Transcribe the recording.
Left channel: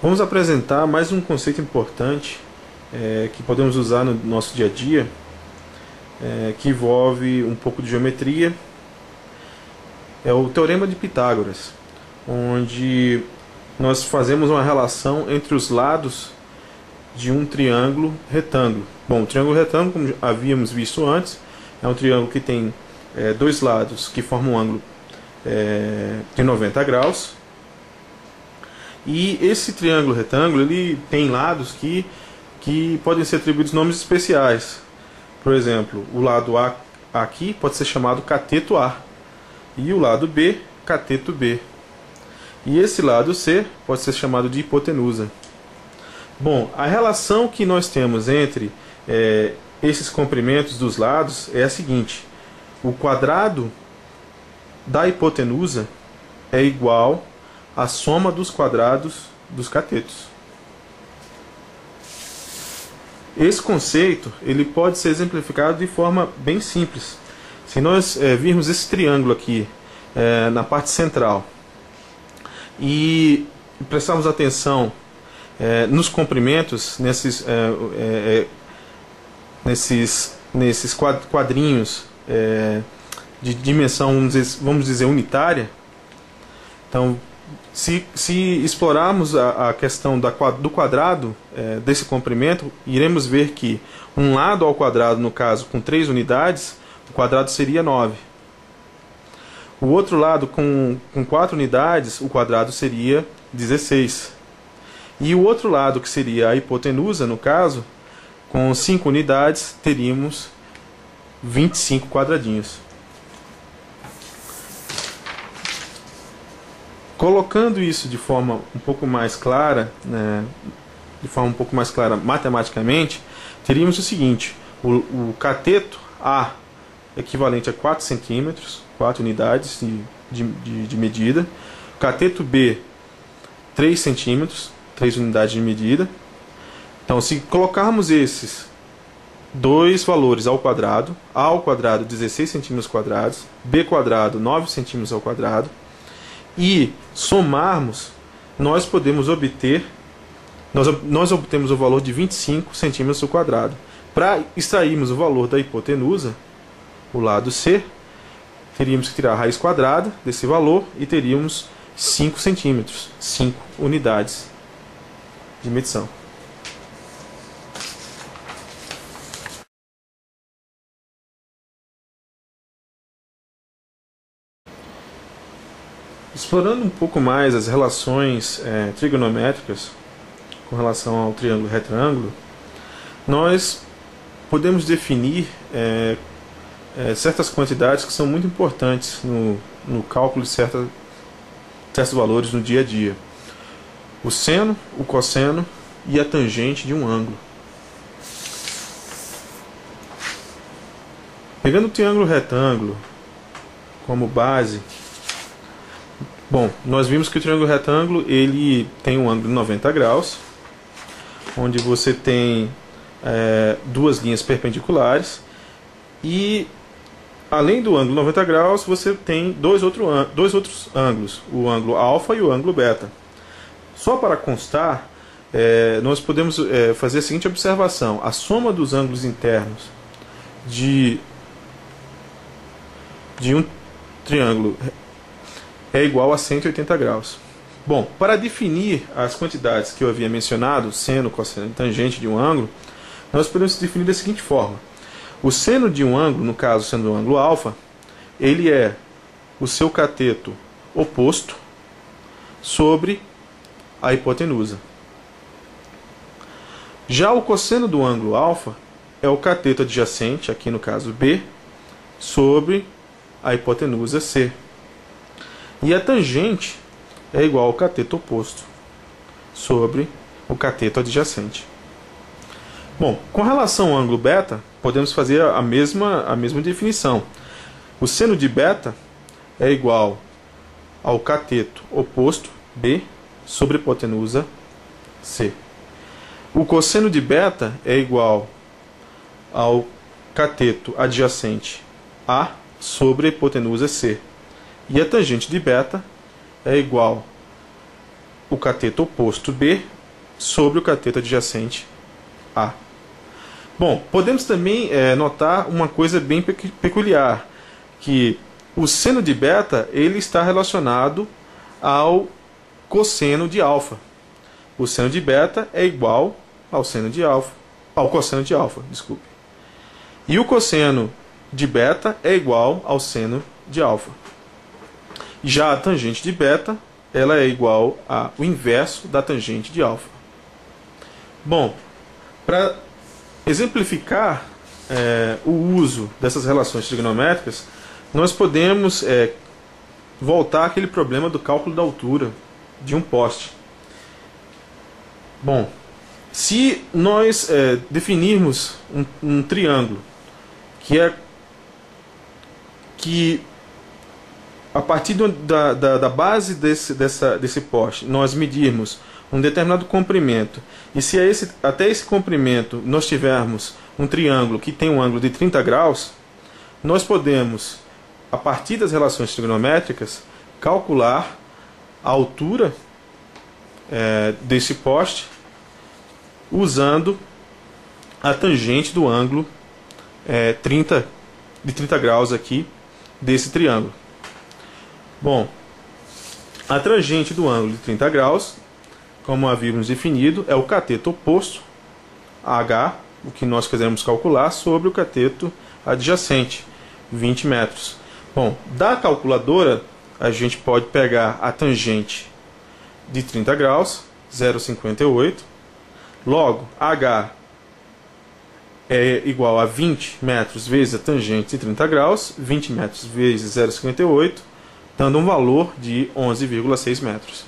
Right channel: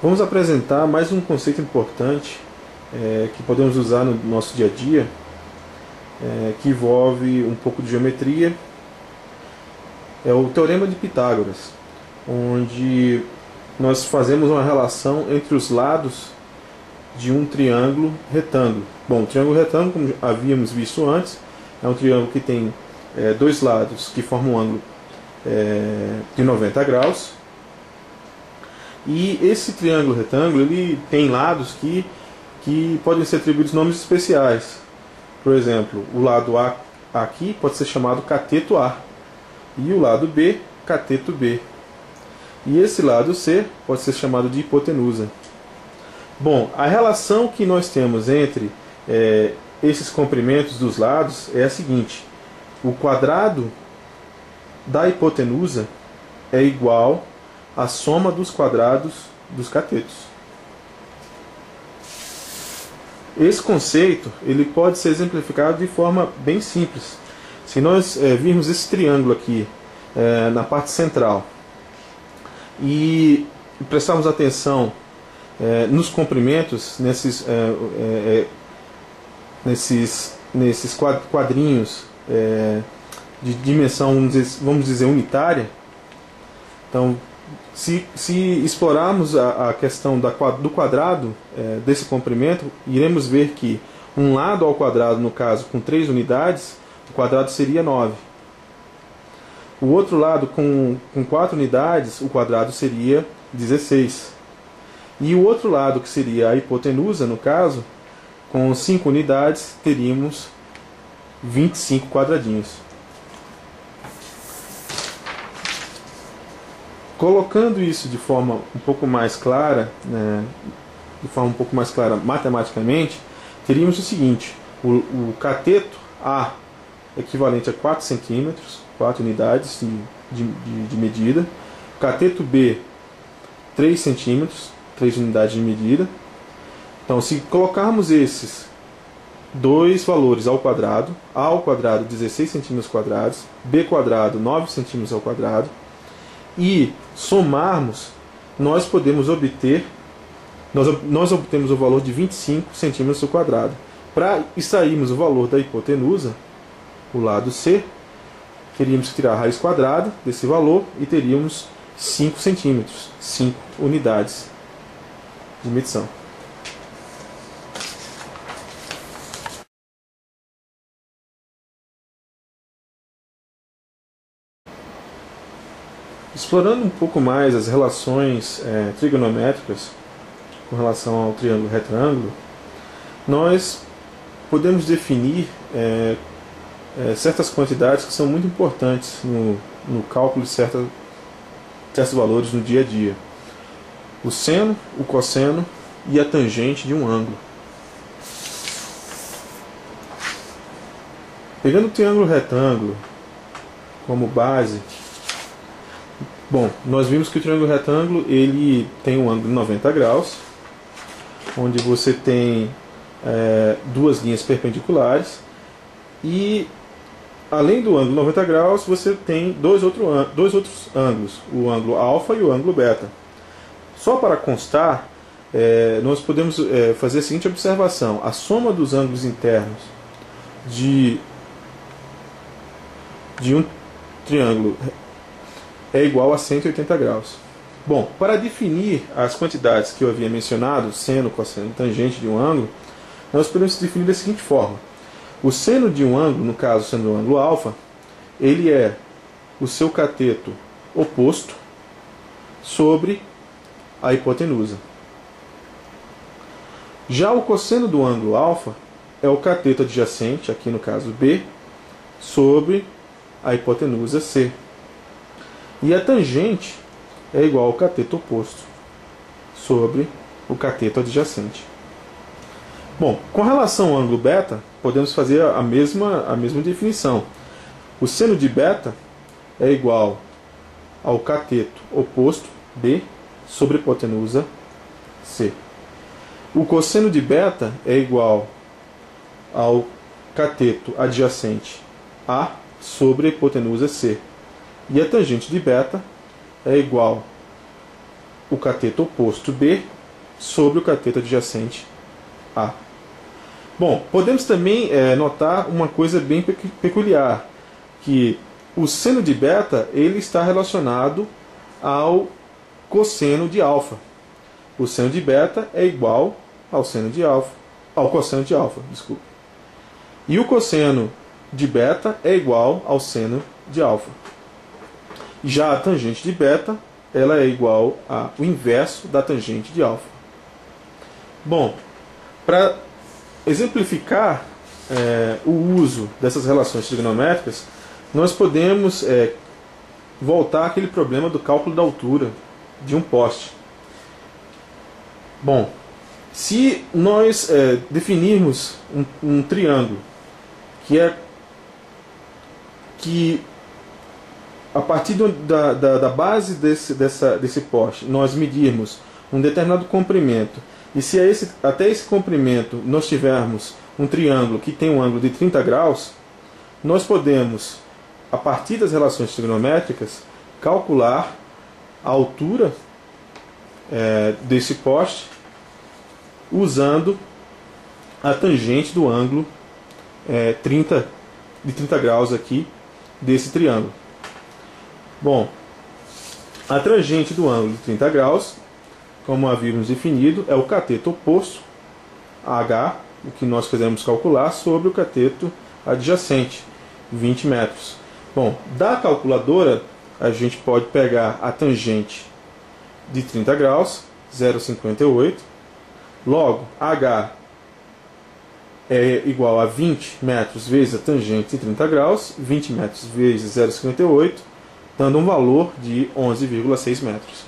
Vamos apresentar mais um conceito importante que podemos usar no nosso dia a dia, que envolve um pouco de geometria. É o Teorema de Pitágoras, onde nós fazemos uma relação entre os lados de um triângulo retângulo. Bom, o triângulo retângulo, como havíamos visto antes, é um triângulo que tem dois lados que formam um ângulo de 90 graus. E esse triângulo retângulo ele tem lados que podem ser atribuídos nomes especiais. Por exemplo, o lado A aqui pode ser chamado cateto A e o lado B, cateto B. E esse lado C pode ser chamado de hipotenusa. Bom, a relação que nós temos entre esses comprimentos dos lados é a seguinte: o quadrado da hipotenusa é igual à soma dos quadrados dos catetos. Esse conceito ele pode ser exemplificado de forma bem simples. Se nós virmos esse triângulo aqui na parte central e prestarmos atenção nos comprimentos, nesses quadrinhos de dimensão, vamos dizer unitária, então se explorarmos a questão do quadrado desse comprimento, iremos ver que um lado ao quadrado, no caso com 3 unidades, o quadrado seria 9. O outro lado com 4 unidades, o quadrado seria 16. E o outro lado, que seria a hipotenusa, no caso, com 5 unidades, teríamos 25 quadradinhos. Colocando isso de forma um pouco mais clara, matematicamente, teríamos o seguinte: o cateto A equivalente a 4 centímetros, 4 unidades de medida, o cateto B 3 centímetros, 3 unidades de medida. Então, se colocarmos esses dois valores ao quadrado, A ao quadrado 16 centímetros quadrados, B quadrado 9 centímetros ao quadrado, e somarmos, nós podemos obter, nós obtemos o valor de 25 centímetros ao quadrado. Para extrairmos o valor da hipotenusa, o lado C, teríamos que tirar a raiz quadrada desse valor e teríamos 5 centímetros, 5 unidades de medição. Explorando um pouco mais as relações trigonométricas com relação ao triângulo retângulo, nós podemos definir certas quantidades que são muito importantes no cálculo de certos valores no dia a dia. O seno, o cosseno e a tangente de um ângulo. Pegando o triângulo retângulo como base, bom, nós vimos que o triângulo retângulo ele tem um ângulo de 90 graus, onde você tem duas linhas perpendiculares e, além do ângulo 90 graus, você tem dois outros ângulos, o ângulo alfa e o ângulo beta. Só para constar, nós podemos fazer a seguinte observação: a soma dos ângulos internos de um triângulo é igual a 180 graus. Bom, para definir as quantidades que eu havia mencionado, seno, cosseno e tangente de um ângulo, nós podemos definir da seguinte forma: o seno de um ângulo, no caso sendo o ângulo alfa, ele é o seu cateto oposto sobre a hipotenusa. Já o cosseno do ângulo alfa é o cateto adjacente, aqui no caso B, sobre a hipotenusa C. E a tangente é igual ao cateto oposto sobre o cateto adjacente. Bom, com relação ao ângulo beta, podemos fazer a mesma definição. O seno de beta é igual ao cateto oposto B sobre a hipotenusa C. O cosseno de beta é igual ao cateto adjacente A sobre a hipotenusa C. E a tangente de beta é igual o cateto oposto B sobre o cateto adjacente A. Bom, podemos também notar uma coisa bem peculiar, que o seno de beta ele está relacionado ao cosseno de alfa. O seno de beta é igual ao seno de alfa, ao cosseno de alfa, desculpe. E o cosseno de beta é igual ao seno de alfa. Já a tangente de beta, ela é igual ao inverso da tangente de alfa. Bom, para exemplificar o uso dessas relações trigonométricas, nós podemos voltar àquele problema do cálculo da altura de um poste. Bom, se nós definirmos um triângulo que a partir da base desse poste nós medirmos um determinado comprimento, e se até esse comprimento nós tivermos um triângulo que tem um ângulo de 30 graus, nós podemos, a partir das relações trigonométricas, calcular a altura desse poste usando a tangente do ângulo de 30 graus aqui desse triângulo. Bom, a tangente do ângulo de 30 graus, como havíamos definido, é o cateto oposto a H, o que nós queremos calcular, sobre o cateto adjacente, 20 metros. Bom, da calculadora, a gente pode pegar a tangente de 30 graus, 0,58. Logo, H é igual a 20 metros vezes a tangente de 30 graus, 20 metros vezes 0,58, dando um valor de 11,6 metros.